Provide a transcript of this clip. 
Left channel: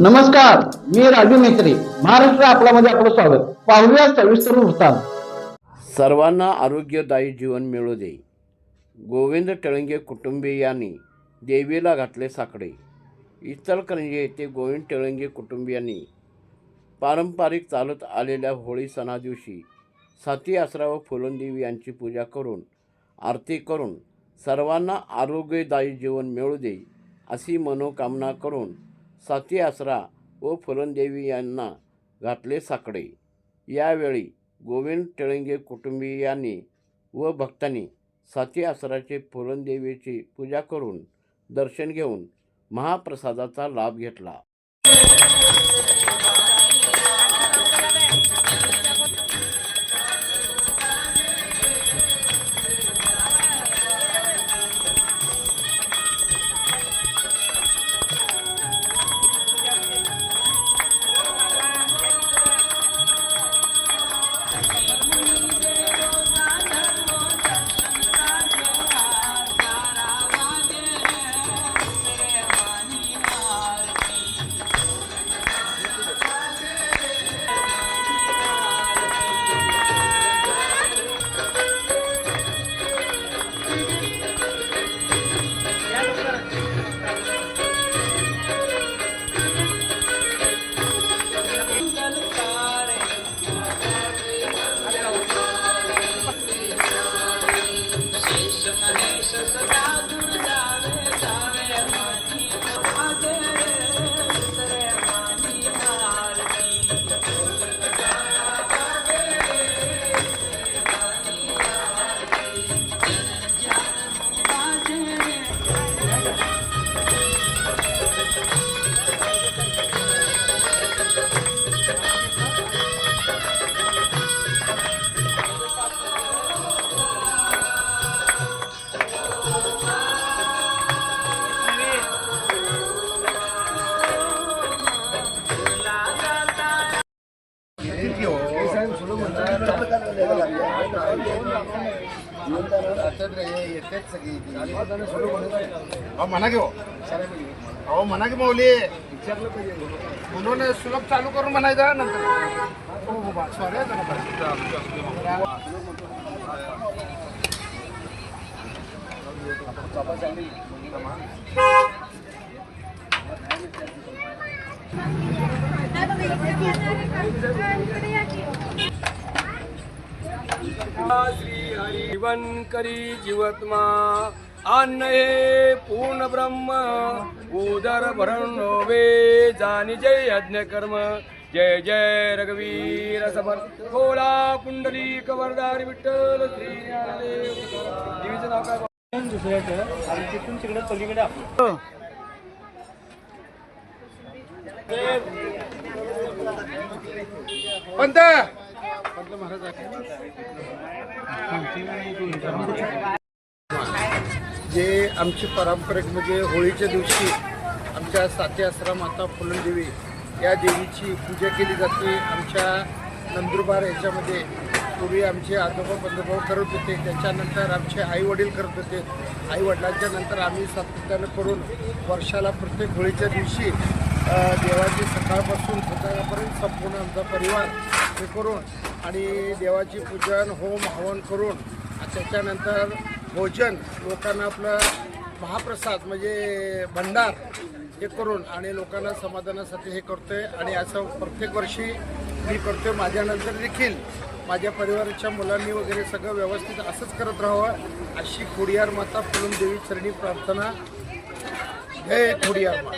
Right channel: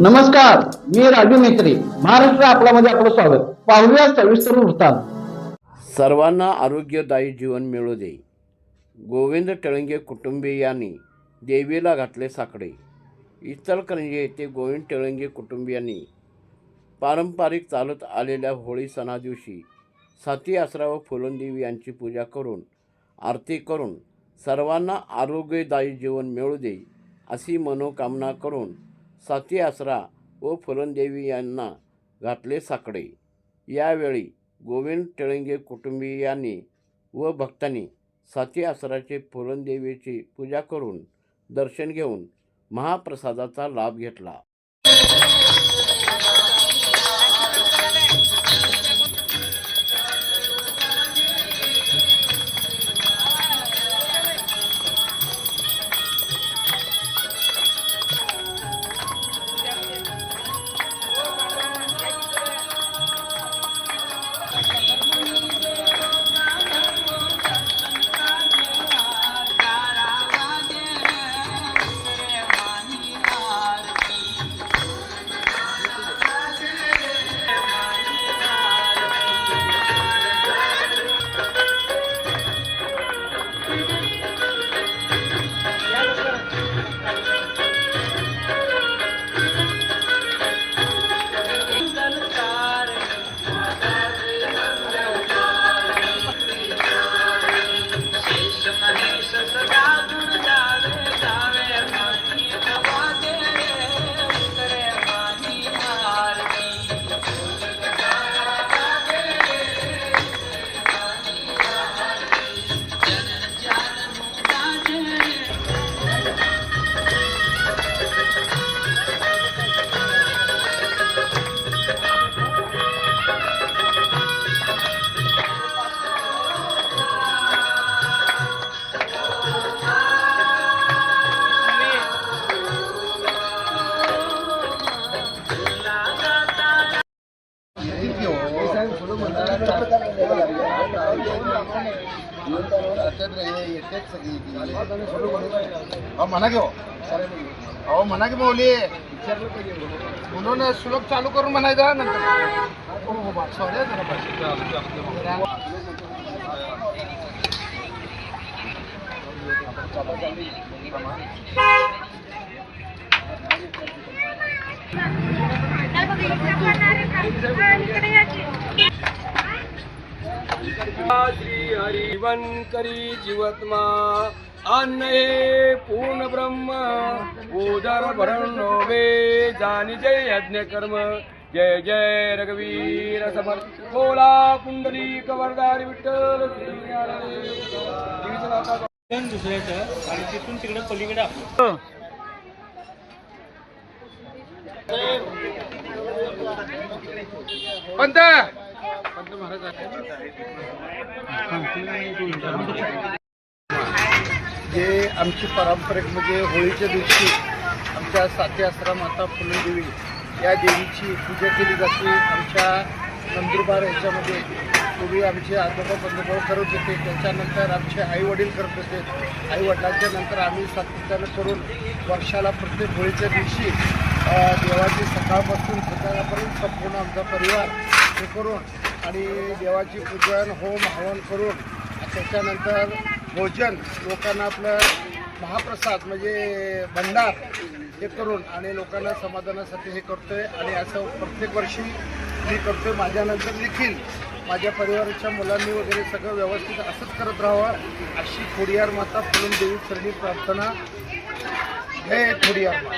नमस्कार, मी राजू मेत्री. महाराष्ट्र आपल्यामध्ये आपलं स्वागत. पाहूया सविस्तर वृत्तांत. सर्वांना आरोग्यदायी जीवन मिळू दे. गोविंद टेळंगे कुटुंबियांनी देवीला घातले साकडे. इचलकरंजी येथे गोविंद टेळंगे कुटुंबियांनी पारंपरिक चालत आलेल्या होळी सणा दिवशी साती आसरा व फुलनदेवी यांची पूजा करून आरती करून सर्वांना आरोग्यदायी जीवन मिळू दे अशी मनोकामना करून साती आसरा व फुलनदेवी यांना घातले साकडे. यावेळी गोविंद टेळंगे कुटुंबियांनी व भक्तांनी साती आसराचे फुलनदेवीची पूजा करून दर्शन घेऊन महाप्रसादाचा लाभ घेतला. म्हणा घेऊ अहो म्हणा की मौली विचारलं पाहिजे म्हणून सुलभ चालू करून म्हणायचं नंतर सॉरी श्री हरिवन करी जीवत्मा अन्न हे पूर्ण ब्रह्म उदर भरण वे जानी जय यज्ञ कर्म जय जय रघुवीर समर्थ खोला कुंडली कवरदार विठ्ठल श्री पंत महाराज जे आमची पारंपरिक म्हणजे होळीच्या दिवशी आमच्या साती आसरा माता फुलनदेवी या देवीची पूजा केली जाते. आमच्या नंदुरबार याच्यामध्ये पूर्वी आमचे आजोबा पंतोबा करत होते, त्याच्यानंतर आमचे आईवडील करत होते. आईवडिलांच्या नंतर आम्ही सातत्यानं करून वर्षाला प्रत्येक होळीच्या दिवशी देवाची सकाळपासून संध्याकाळपर्यंत संपूर्ण आमचा परिवार हे करून आणि देवाची पूजन होम हवन करून त्याच्यानंतर भोजन लोकांना आपलं महाप्रसाद म्हणजे भंडार हे करून आणि लोकांना समाधानासाठी हे करतोय. आणि असं प्रत्येक वर्षी मी करतोय. माझ्यानंतर देखील माझ्या परिवाराच्या मुलांनी वगैरे सगळं व्यवस्थित असंच करत राहावं अशी खोडियार माता फुलनदेवी चरणी प्रार्थना. जय खोडियार माता.